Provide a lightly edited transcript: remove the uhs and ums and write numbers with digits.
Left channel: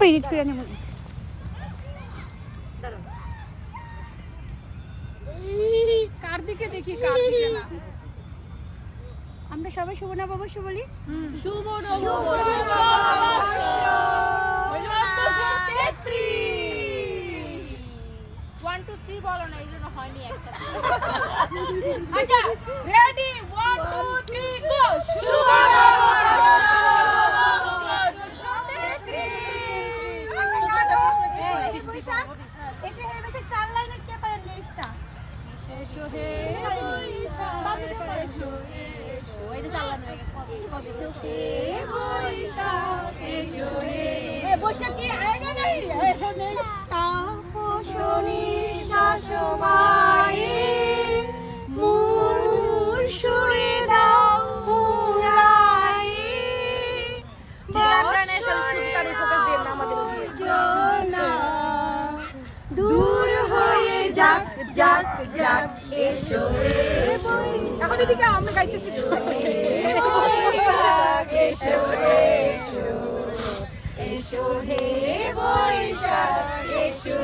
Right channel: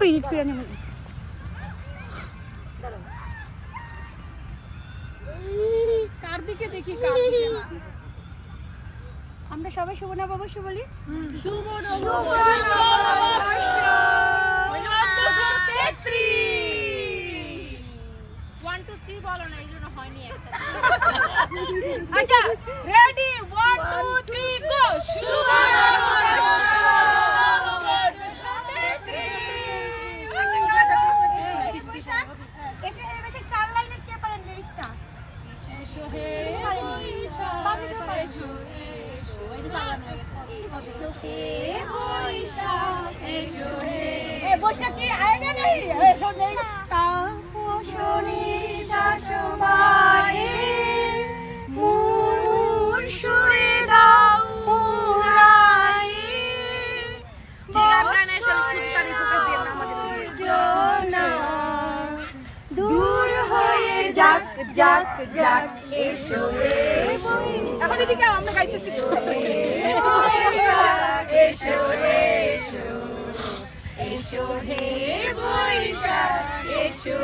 আমরা এডিট করে নেব। কার দিকে দেখি, কার দিকে না। আমরা সবাই শুভ নববর্ষ বলি। শুভ নববর্ষ 1433। 1 2 3 বলো না, এইজন্য হয়নি একসাথে। আচ্ছা রেডি 1 2 3 গো। শুভ নববর্ষ 1433। এসো হে বেশি 4 লাইনের কে পারেন লিরিক্সটা? এসো হে বৈশাখ, এসো এসো, এই যে 4 লাইন হয়ে গেছে। হে বৈশাখ, এসো হে। এ বৈশাখ কি আয়েগা নেই? এসো নেই। তাপসনী শাসমায়ে মুর সুরে দাও উড়ায়ে গানে শুধু তারই ফোকাস দিয়ে না আমাদের জনা দূর হয়ে যাক যাক যাক এসো এসো এখন এদিকে আমরা গাইতেছি। এসো এসো এসো হে বৈশাখ এসো